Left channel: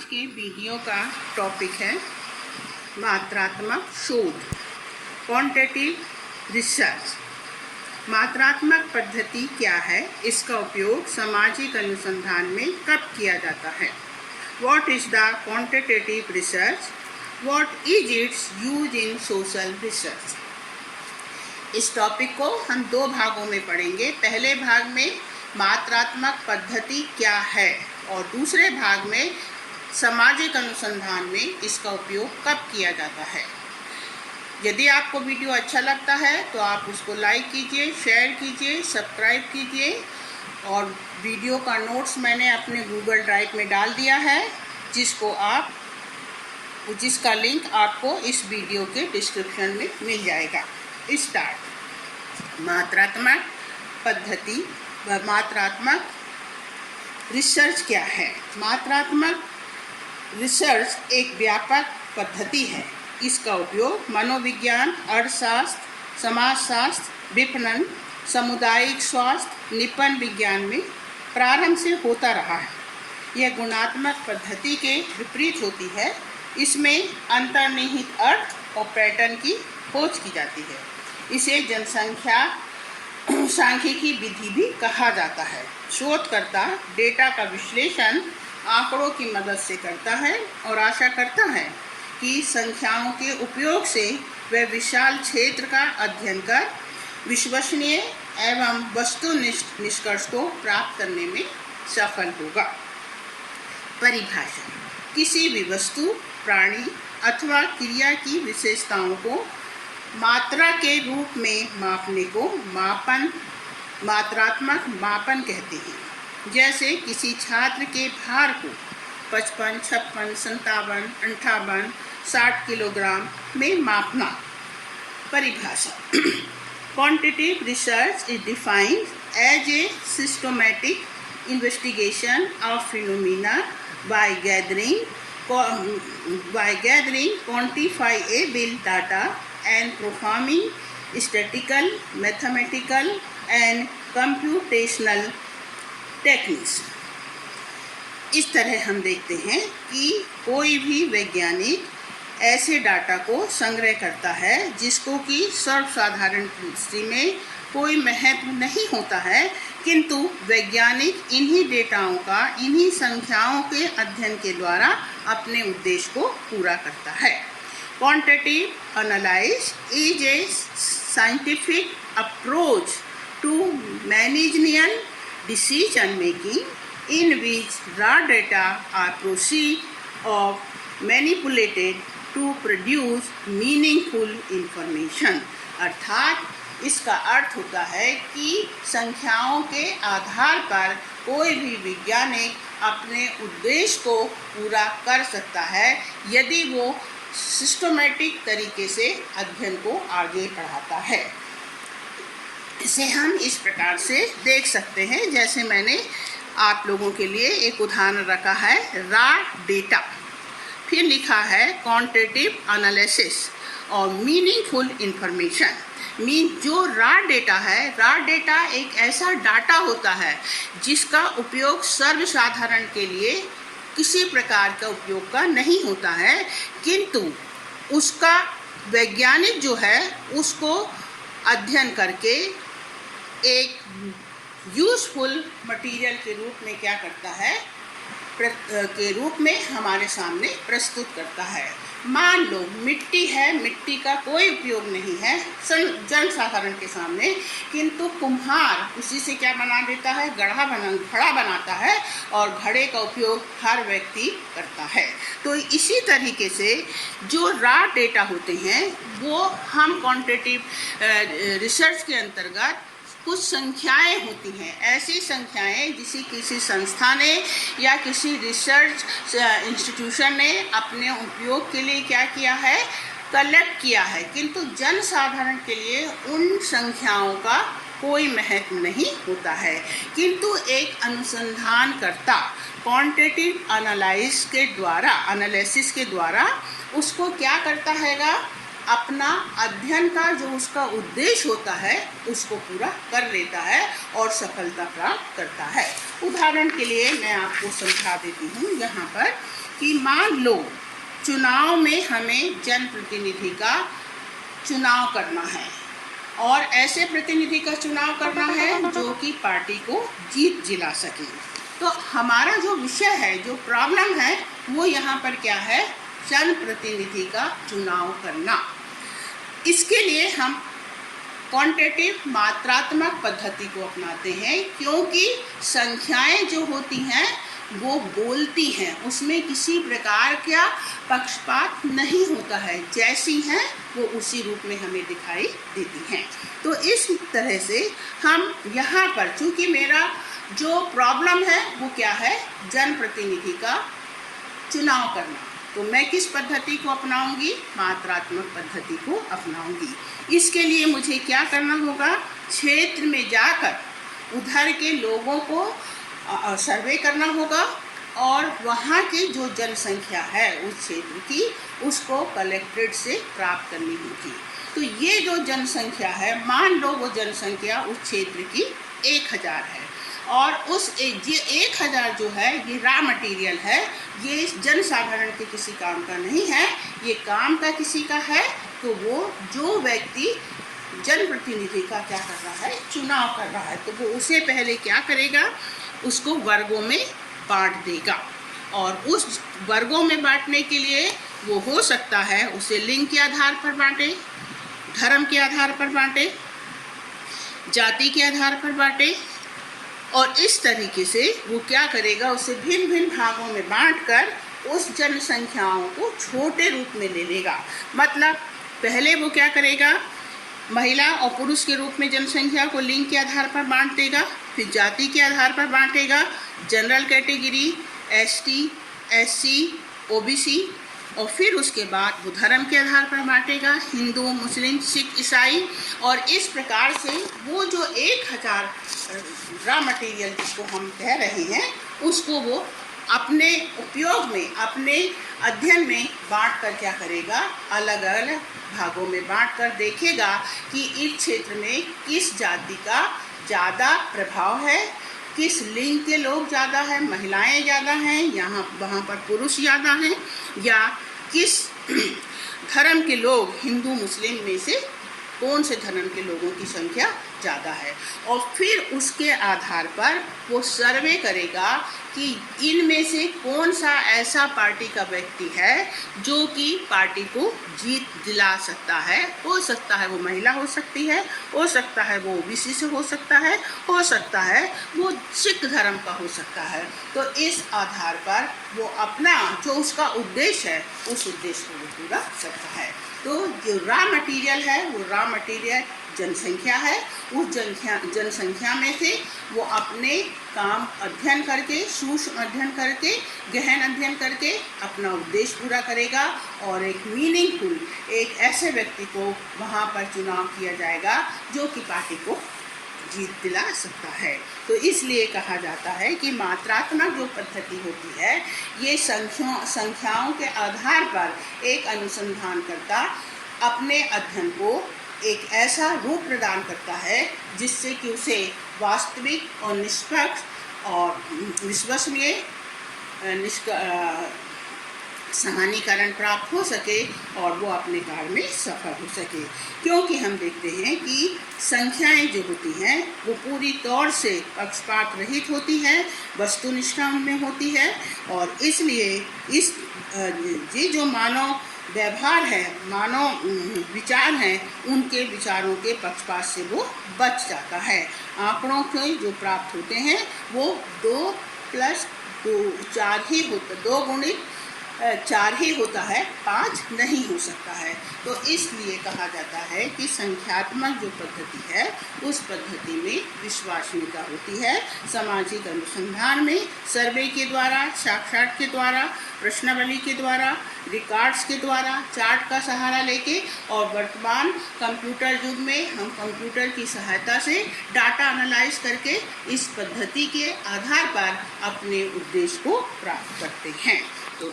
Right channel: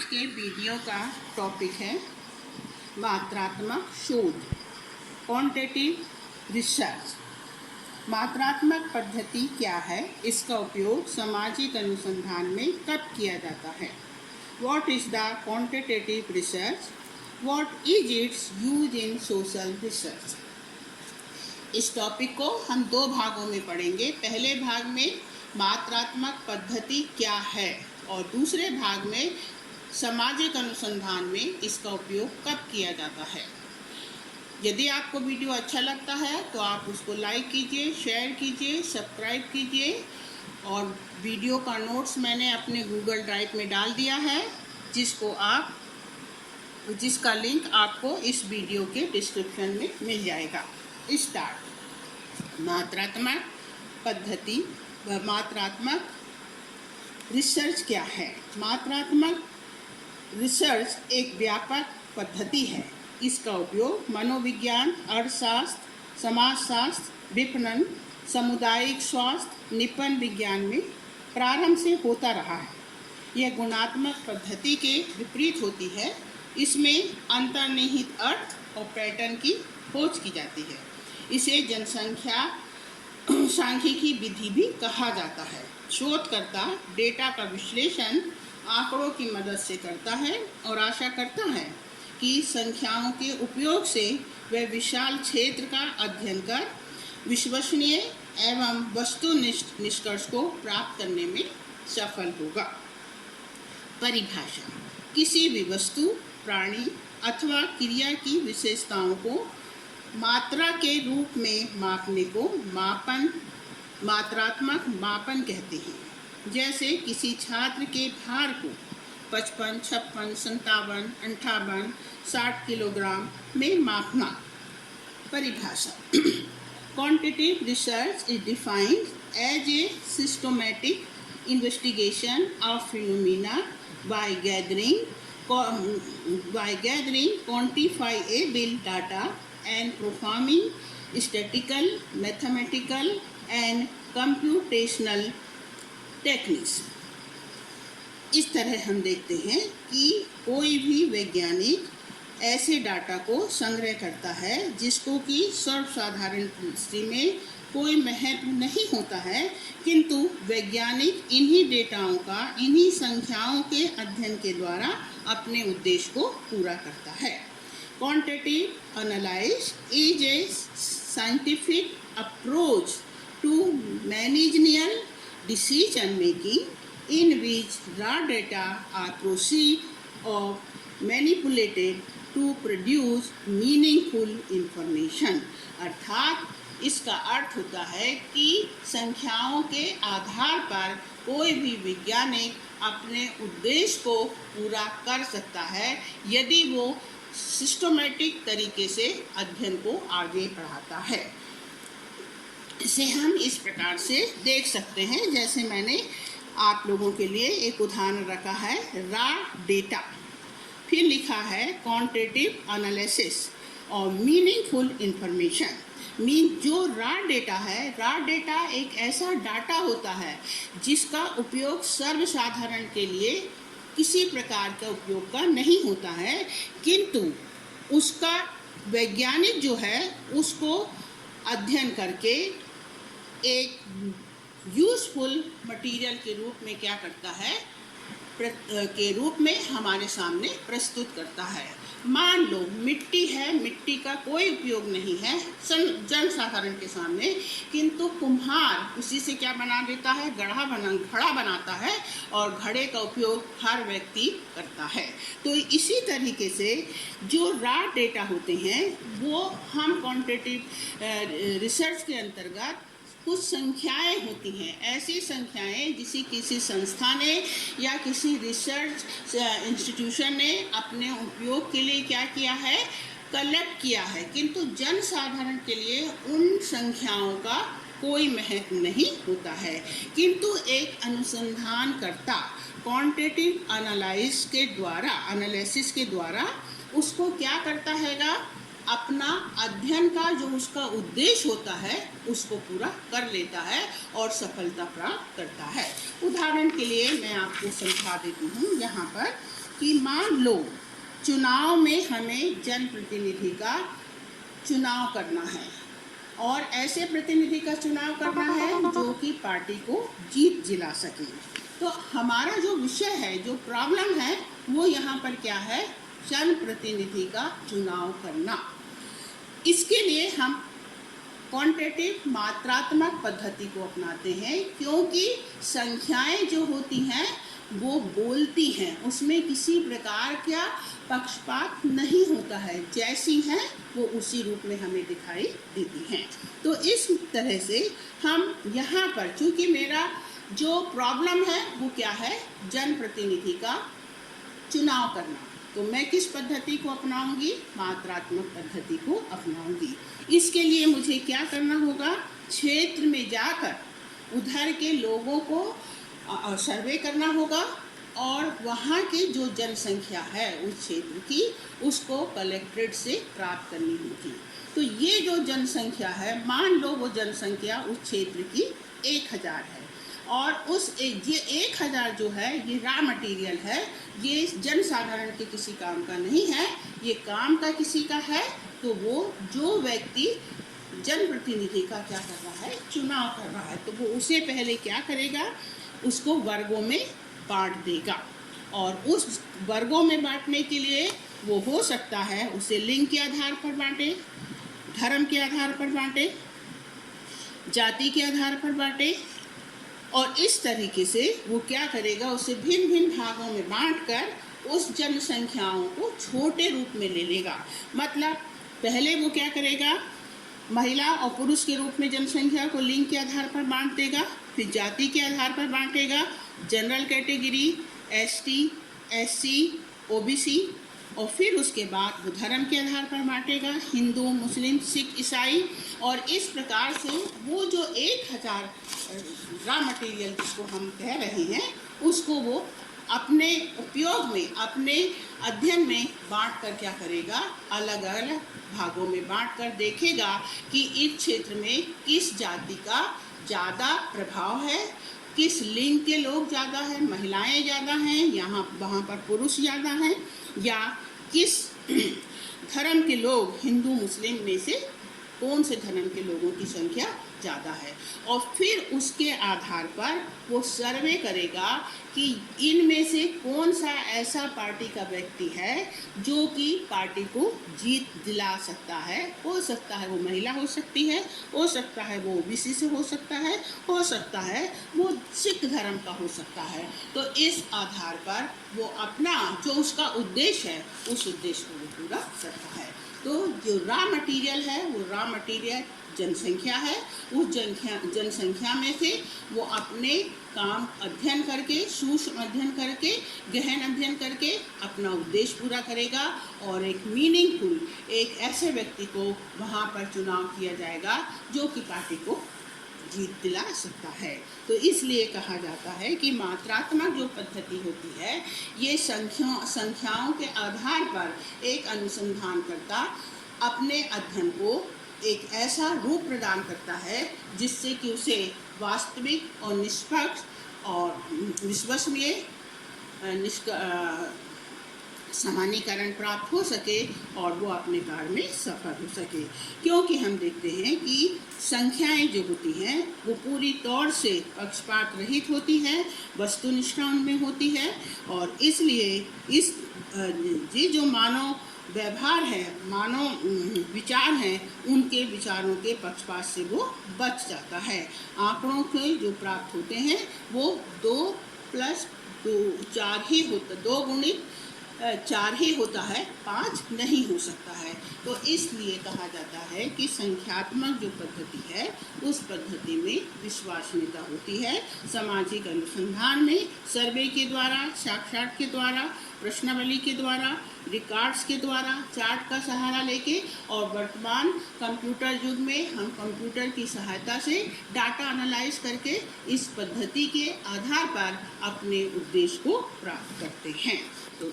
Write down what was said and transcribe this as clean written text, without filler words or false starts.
आज के वीडियो का टॉपिक है मात्रात्मक शोध, क्वांटिटेटिव रिसर्च। मात्रात्मक पद्धति क्या है, इसका उपयोग सामाजिक अनुसंधान में कब किया जाता है? What is the quantitative research? What is its use in social research? इस टॉपिक को हम दो भागों में पढ़ेंगे। पहले भाग में मात्रात्मक पद्धति क्या है और दूसरे भाग में सामाजिक अनुसंधान में इसका उपयोग कब किया जाता है। यदि आपको वीडियो अच्छा लगता है तो आप उसको लाइक कीजिए, शेयर कीजिए, सब्सक्राइब कीजिए और वीडियो का नोट्स मैंने अपने गूगल ड्राइव में डाल दिया है, जिसका लिंक आपको इस वीडियो के डिस्क्रिप्शन में मिल जाएगा। स्टार्ट। मात्रात्मक पद्धति व मात्रात्मक रिसर्च क्या है? मात्रात्मक रिसर्च एक व्यापक पद्धति है। इसका उपयोग मनोविज्ञान, अर्थशास्त्र, समाजशास्त्र, विपणन, सामुदायिक स्वास्थ्य, निपन विज्ञान में प्रारंभ से होता रहा है। यह गुणात्मक पद्धति के विपरीत होती है। इसमें अंतर्निहित अर्थ और पैटर्न की खोज की जाती है। इसे जनसंख्या सांख्यिकी विधि भी कहा जाता है। शोधकर्ता डेटा का विश्लेषण आंकड़ों की मदद से करता है और आशा करता है कि संख्याओं के उपयोग से वह विशाल क्षेत्र का अध्ययन कर विश्वसनीय एवं वस्तुनिष्ठ निष्कर्ष को प्राप्त करने में सफल होगा। परिभाषा: किसी भी वस्तु, प्राणी अथवा क्रिया की विशेषताओं को मात्रा के रूप में मापने को मात्रात्मक मापन कहते हैं। जैसे किसी छात्र के भार को 55, 56, 57, 58, 60 किलोग्राम में मापना। परिभाषा: quantitative research is defined as a systematic investigation of phenomena by gathering quantifiable data and performing statistical, mathematical and computational techniques। इस तरह हम देखते हैं कि कोई भी वैज्ञानिक ऐसे डाटा को संग्रह करता है जिसको कि सर्वसाधारण दृष्टि में कोई महत्व नहीं होता है, किंतु वैज्ञानिक इन्हीं डेटाओं का, इन्हीं संख्याओं के अध्ययन के द्वारा अपने उद्देश्य को पूरा करता है। Quantitative analysis is a scientific approach to managerial decision making in which raw data are proceed of manipulated to produce meaningful information. अर्थात इसका अर्थ होता है कि संख्याओं के आधार पर कोई भी वैज्ञानिक अपने उद्देश्य को पूरा कर सकता है यदि वो सिस्टमैटिक तरीके से अध्ययन को आगे बढ़ाता है। इसे हम इस प्रकार से देख सकते हैं, जैसे मैंने आप लोगों के लिए एक उदाहरण रखा है, रॉ डेटा, फिर लिखा है क्वांटिटेटिव एनालिसिस और मीनिंगफुल इंफॉर्मेशन। जो रॉ डेटा है, रॉ डेटा एक ऐसा डाटा होता है जिसका उपयोग सर्वसाधारण के लिए किसी प्रकार का उपयोग का नहीं होता है, किंतु उसका वैज्ञानिक जो है उसको अध्ययन करके एक यूजफुल मटेरियल के रूप में क्या करता है, के रूप में हमारे सामने प्रस्तुत करता है। मान लो मिट्टी है, मिट्टी का कोई उपयोग नहीं है जनसाधारण के सामने, किंतु कुम्हार उसी से क्या बना देता है, घड़ा बनाता है और घड़े का उपयोग हर व्यक्ति करता है। तो इसी तरीके से जो रॉ डेटा होते हैं वो हम क्वांटिटेटिव रिसर्च के अंतर्गत कुछ संख्याएं होती हैं, ऐसी संख्याएं जिसे किसी संस्था ने या किसी रिसर्च इंस्टीट्यूशन ने अपने उपयोग के लिए क्या किया है, कलेक्ट किया है, किंतु जनसाधारण के लिए उन संख्याओं का कोई महत्व नहीं होता है। किंतु एक अनुसंधानकर्ता क्वांटिटेटिव एनालिसिस के द्वारा उसको क्या करता हैगा, अपना अध्ययन का जो उसका उद्देश्य होता है उसको पूरा कर लेता है और सफलता प्राप्त करता है। उदाहरण के लिए मैं आपको समझा देती हूँ। यहाँ पर कि मान लो चुनाव में हमें जनप्रतिनिधि का चुनाव करना है और ऐसे प्रतिनिधि का चुनाव करना है जो कि पार्टी को जीत दिला सके। तो हमारा जो विषय है, जो प्रॉब्लम है, वो यहाँ पर क्या है? जनप्रतिनिधि का चुनाव करना। इसके लिए हम क्वांटिटेटिव मात्रात्मक पद्धति को अपनाते हैं, क्योंकि संख्याएं जो होती हैं वो बोलती हैं, उसमें किसी प्रकार का पक्षपात नहीं होता है, जैसी हैं वो उसी रूप में हमें दिखाई देती हैं। तो इस तरह से हम यहाँ पर, चूँकि मेरा जो प्रॉब्लम है वो क्या है? जनप्रतिनिधि का चुनाव करना, तो मैं किस पद्धति को अपनाऊंगी? मात्रात्मक पद्धति को अपनाऊंगी। इसके लिए मुझे क्या करना होगा? क्षेत्र में जाकर उधर के लोगों को सर्वे करना होगा और वहाँ की जो जनसंख्या है उस क्षेत्र की, उसको कलेक्ट्रेट से प्राप्त करनी होगी। तो ये जो जनसंख्या है, मान लो वो जनसंख्या उस क्षेत्र की 1000 है और उस ये 1000 जो है ये रॉ मटेरियल है, ये जनसाधारण के किसी काम का नहीं है, ये काम का किसी का है। तो वो जो व्यक्ति जनप्रतिनिधि का क्या कर रहा है? चुनाव कर रहा है, तो वो उसे पहले क्या करेगा? उसको वर्गों में बांट देगा और उस वर्गों में बांटने के लिए वो हो सकता है उसे लिंग के आधार पर बांटे, धर्म के आधार पर बांटे, जाति के आधार पर बांटे और इस तरीके से वो क्या करेगा? उसे भिन्न भिन्न भागों में बांटकर उस जनसंख्याओं को छोटे रूप में ले लेगा। मतलब पहले वो क्या करेगा? महिला और पुरुष के रूप में जनसंख्या को लिंग के आधार पर बांट देगा, फिर जाति के आधार पर बांटेगा, general category, ST, SC, OBC, और फिर उसके बाद वो धर्म के आधार पर बांटेगा, हिंदू, मुस्लिम, सिख, ईसाई। और इस प्रकार से वो जो 1000 रॉ मटेरियल जिसको हम कह रहे हैं, उसको वो अपने उपयोग में, अपने अध्ययन में बांट कर क्या करेगा? अलग अलग भागों में बांट कर देखेगा कि इस क्षेत्र में किस जाति का ज़्यादा प्रभाव है, किस लिंग के लोग ज़्यादा हैं, महिलाएं ज़्यादा हैं, यहाँ वहाँ पर पुरुष ज़्यादा हैं, या किस धर्म के लोग, हिंदू मुस्लिम में से कौन से धर्म के लोगों की संख्या ज़्यादा है। और फिर उसके आधार पर वो सर्वे करेगा कि इनमें से कौन सा ऐसा पार्टी का व्यक्ति है जो कि पार्टी को जीत दिला सकता है। हो सकता है वो महिला हो सकती है, हो सकता है वो ओबीसी से हो सकता है, हो सकता है वो सिख धर्म का हो सकता है। तो इस आधार पर वो अपना जो उसका उद्देश्य है, उस उद्देश्य को वो पूरा करता है। तो जो रॉ मटेरियल है वो रॉ मटेरियल जनसंख्या है। उस जनसंख्या में से वो अपने काम अध्ययन करके, सूक्ष्म अध्ययन करके, गहन अध्ययन करके अपना उद्देश्य पूरा करेगा और एक मीनिंगफुल, एक ऐसे व्यक्ति को वहाँ पर चुनाव किया जाएगा जो कि पार्टी को जीत दिला सकता है। तो इसलिए कहा जाता है कि मात्रात्मक जो पद्धति होती है, ये संख्याओं के आधार पर एक अनुसंधानकर्ता अपने अध्ययन को एक ऐसा रूप प्रदान करता है जिससे कि उसे वास्तविक और निष्पक्ष और विश्वसनीय समानीकरण प्राप्त हो सके और वो अपने कार्य में सफल हो सके। क्योंकि हम देखते हैं कि संख्याएं जो होती हैं वो पूरी तौर से पक्षपात रहित होती हैं, वस्तुनिष्ठा उनमें होती है और इसलिए ये जो मानव व्यवहार है, मानव विचार हैं, उनके विचारों के पक्षपात से वो बच जाता है। आंकड़ों के जो प्राप्त होते हैं वो 2 + 2 4 ही होता, 2 × 4 ही होता है, 5 नहीं हो सकता है। तो इसलिए कहा जाता है कि संख्यात्मक जो पद्धति है उस पद्धति में विश्वसनीयता होती है। सामाजिक अनुसंधान में सर्वे के द्वारा, साक्षात के द्वारा, प्रश्नावली के द्वारा, रिकॉर्ड्स के द्वारा, चार्ट का सहारा लेके और वर्तमान कंप्यूटर युग में हम कंप्यूटर की सहायता से डाटा एनालाइज करके इस पद्धति के आधार पर अपने उद्देश्य को प्राप्त करते हैं। तो